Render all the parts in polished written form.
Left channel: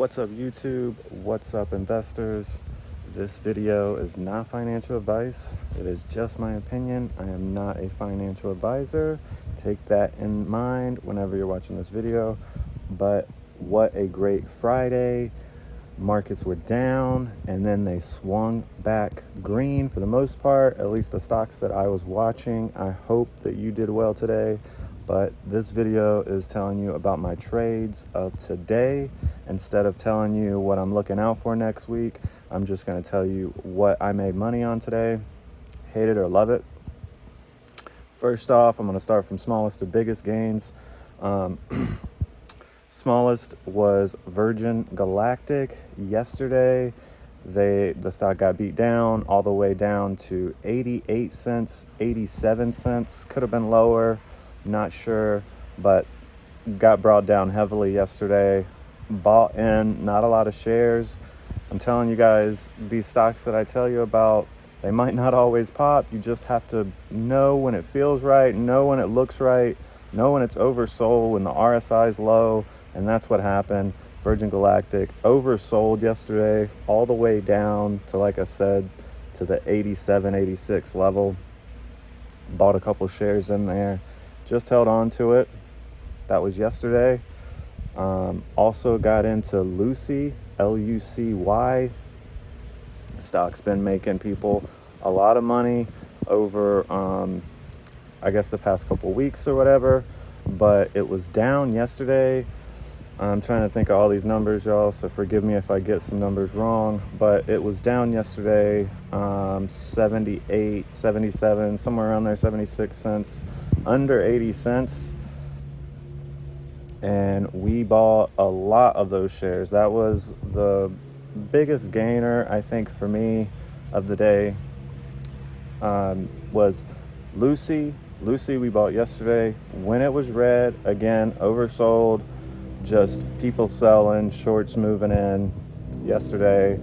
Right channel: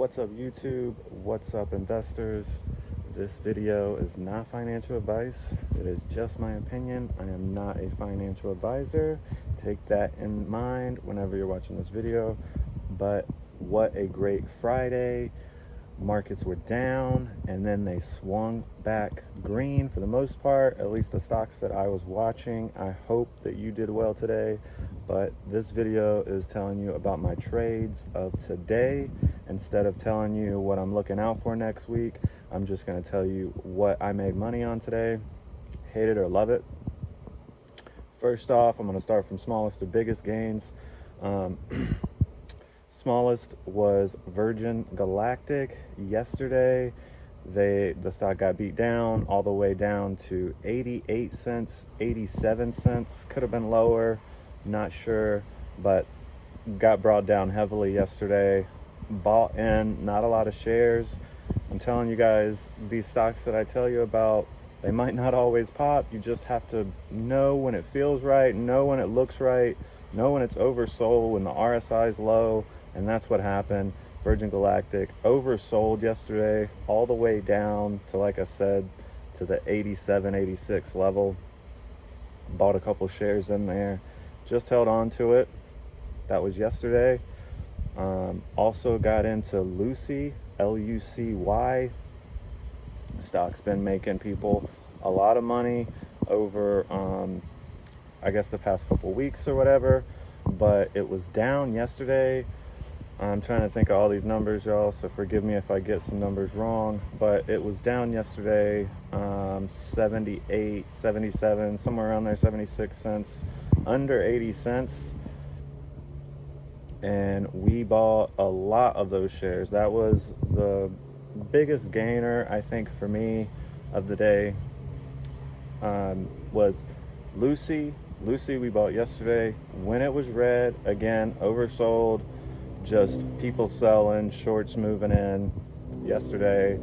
What's up, YouTube? What's up, investors? This video is not financial advice. It is just my opinion. I am not a financial advisor. Take that in mind whenever you're watching this video. But what a great Friday. Markets were down and then they swung back green for the most part, at least the stocks that I was watching. I hope that you did well today, but this video is telling you about my trades of today. Instead of telling you what I'm looking out for next week, I'm just going to tell you what I made money on today. Hate it or love it. First off, I'm going to start from smallest to biggest gains. Smallest was Virgin Galactic. Yesterday, the stock got beat down all the way down to 88 cents, 87 cents. Could have been lower, not sure, but got brought down heavily yesterday. Bought in, not a lot of shares. I'm telling you guys, these stocks that I tell you about, they might not always pop. You just have to know when it feels right, know when it looks right, know when it's oversold, when the RSI is low. And that's what happened. Virgin Galactic oversold yesterday all the way down to, like I said, to the 87, 86 level. Bought a couple shares in there, just held on to it. That was yesterday. Also got into Lucy, L-U-C-Y. Stock's been making people a lot of money over, I guess, the past couple weeks or whatever. But it was down yesterday. I'm trying to think of all these numbers, y'all, so forgive me if I get some numbers wrong, but it was down yesterday, 78, 77, somewhere around there, 76 cents, under 80 cents. And we bought a lot of those shares. That was the biggest gainer, I think, for me of the day, was Lucy. Lucy we bought yesterday when it was red, again, oversold. Just people selling, shorts moving in yesterday,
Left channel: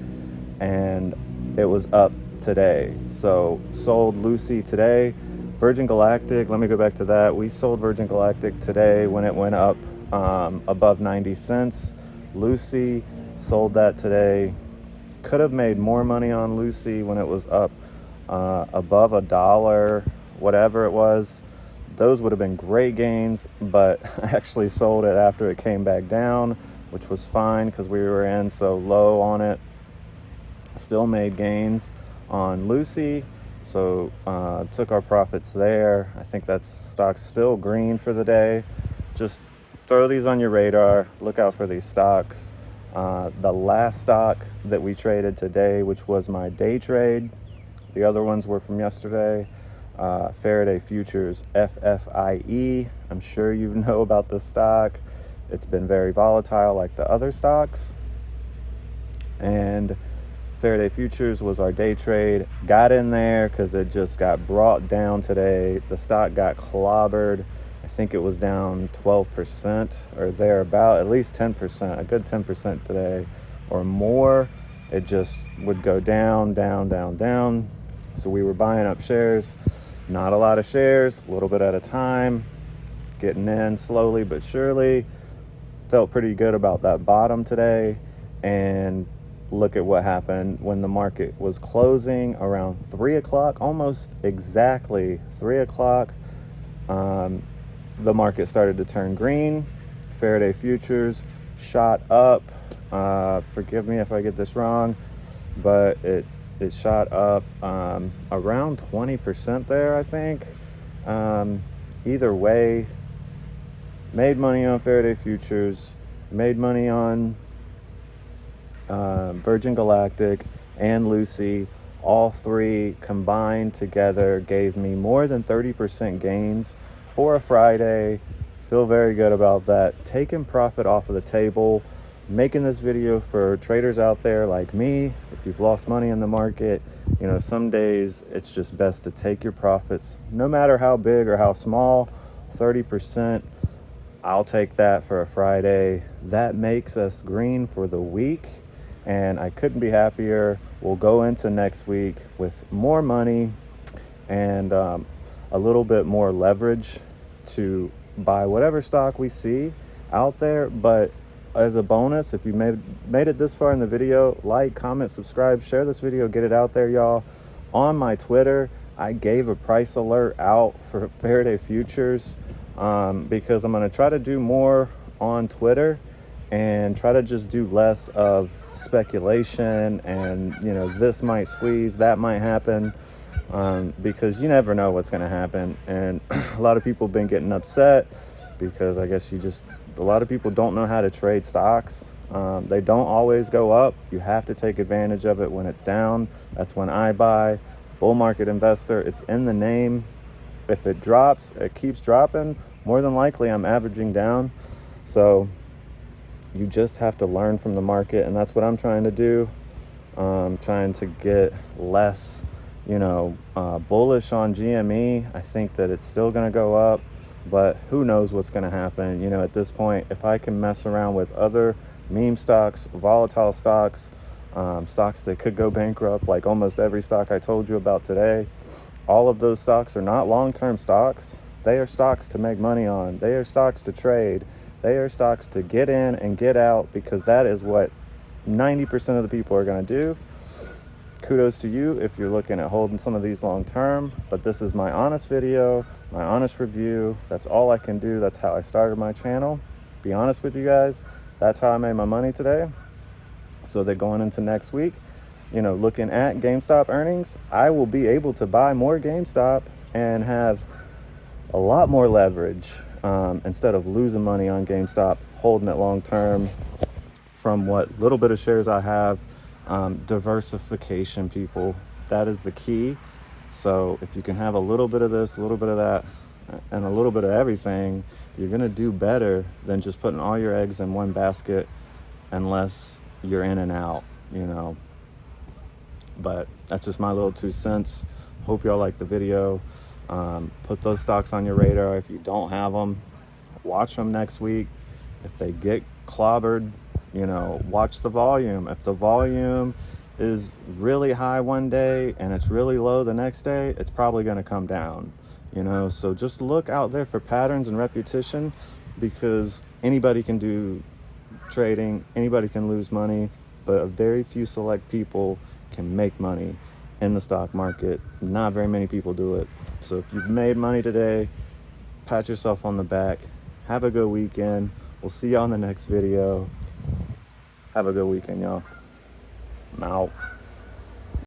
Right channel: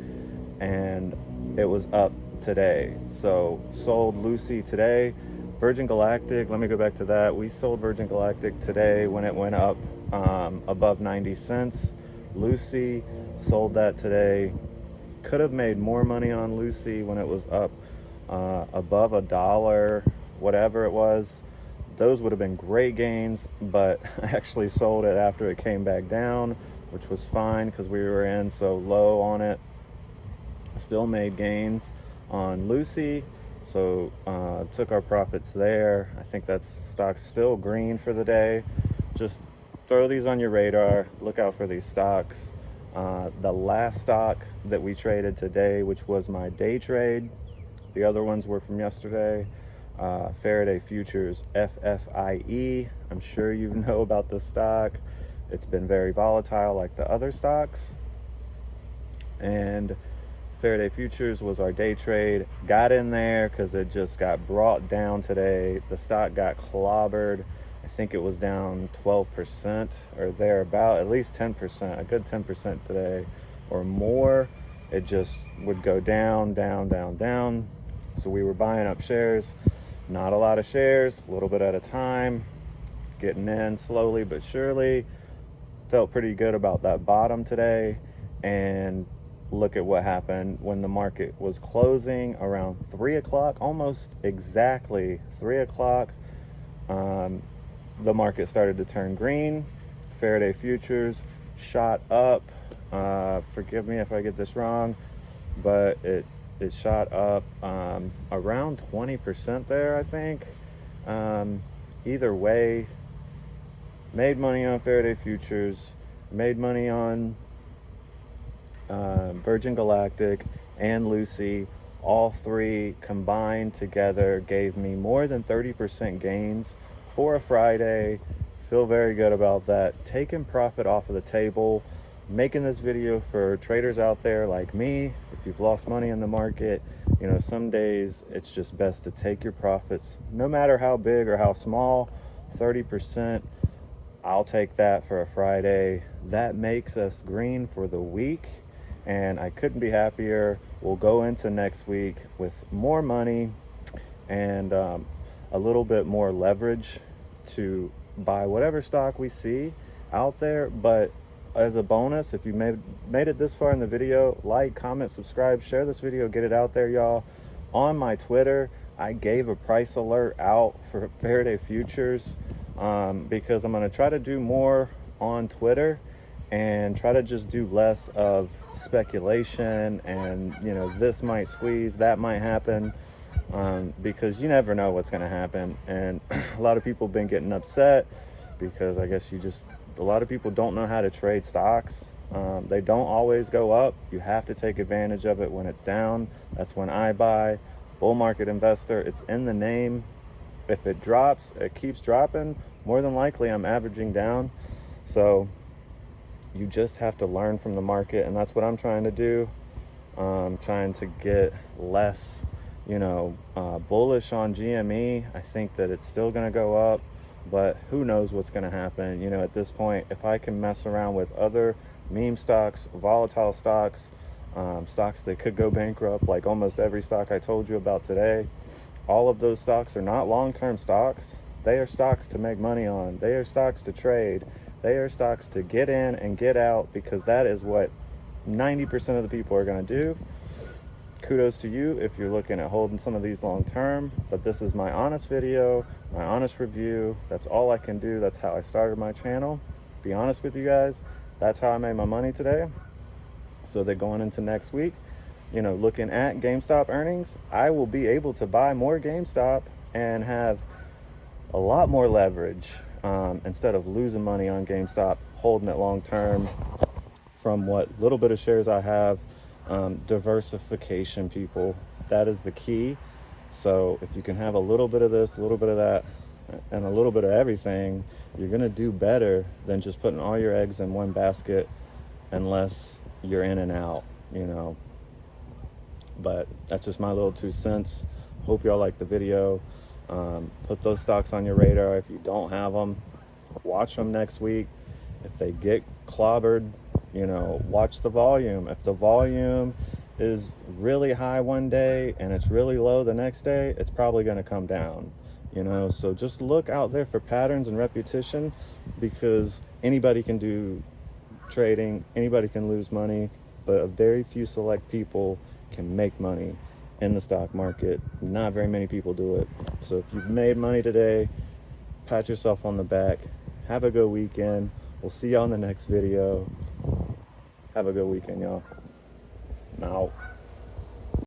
and it was up today. So sold Lucy today. Virgin Galactic, let me go back to that. We sold Virgin Galactic today when it went up above 90 cents. Lucy sold that today. Could have made more money on Lucy when it was up above $1, whatever it was. Those would have been great gains, but I actually sold it after it came back down, which was fine because we were in so low on it. Still made gains on Lucy, so took our profits there. I think that stock's still green for the day. Just throw these on your radar. Look out for these stocks. The last stock that we traded today, which was my day trade, the other ones were from yesterday. Faraday Futures, FFIE. I'm sure you know about this stock. It's been very volatile like the other stocks. And Faraday Futures was our day trade. Got in there because it just got brought down today. The stock got clobbered. I think it was down 12% or thereabout, at least 10%, a good 10% today or more. It just would go down, down, down, down. So we were buying up shares. Not a lot of shares, a little bit at a time, getting in slowly but surely. Felt pretty good about that bottom today. And look at what happened when the market was closing around 3 o'clock, almost exactly 3 o'clock. The market started to turn green. Faraday Futures shot up. Forgive me if I get this wrong, but it shot up around 20% there, I think. Either way, made money on Faraday Futures, made money on Virgin Galactic and Lucy. All three combined together gave me more than 30% gains for a Friday. Feel very good about that. Taking profit off of the table. Making this video for traders out there like me. If you've lost money in the market, you know, some days it's just best to take your profits, no matter how big or how small. 30%, I'll take that for a Friday. That makes us green for the week, and I couldn't be happier. We'll go into next week with more money and a little bit more leverage to buy whatever stock we see out there, but as a bonus, if you made it this far in the video, like, comment, subscribe, share this video, get it out there, y'all. On my Twitter, I gave a price alert out for Faraday futures because I'm going to try to do more on Twitter and try to just do less of speculation and, you know, this might squeeze, that might happen, because you never know what's going to happen. And a lot of people have been getting upset because I guess a lot of people don't know how to trade stocks. They don't always go up. You have to take advantage of it when it's down. That's when I buy. Bull market investor, it's in the name. If it drops, it keeps dropping. More than likely, I'm averaging down. So you just have to learn from the market, and that's what I'm trying to do. Trying to get less, you know, bullish on GME. I think that it's still going to go up, but who knows what's going to happen. You know, at this point, if I can mess around with other meme stocks, volatile stocks, stocks that could go bankrupt, like almost every stock I told you about today, all of those stocks are not long-term stocks. They are stocks to make money on. They are stocks to trade. They are stocks to get in and get out, because that is what 90% of the people are going to do. Kudos to you if you're looking at holding some of these long term, but this is my honest video, my honest review. That's all I can do. That's how I started my channel. Be honest with you guys. That's how I made my money today. So that going into next week, you know, looking at GameStop earnings, I will be able to buy more GameStop and have a lot more leverage, instead of losing money on GameStop, holding it long term. From what little bit of shares I have, diversification, people, that is the key. So if you can have a little bit of this, a little bit of that, and a little bit of everything, you're gonna do better than just putting all your eggs in one basket, unless you're in and out, you know. But that's just my little 2 cents. Hope y'all like the video. Put those stocks on your radar. If you don't have them, watch them next week. If they get clobbered, you know, watch the volume. If the volume is really high one day and it's really low the next day, it's probably going to come down, you know. So just look out there for patterns and repetition, because anybody can do trading, anybody can lose money, but a very few select people can make money in the stock market. Not very many people do it. So if you've made money today, pat yourself on the back. Have a good weekend. We'll see you on the next video. Have a good weekend, y'all. I'm out.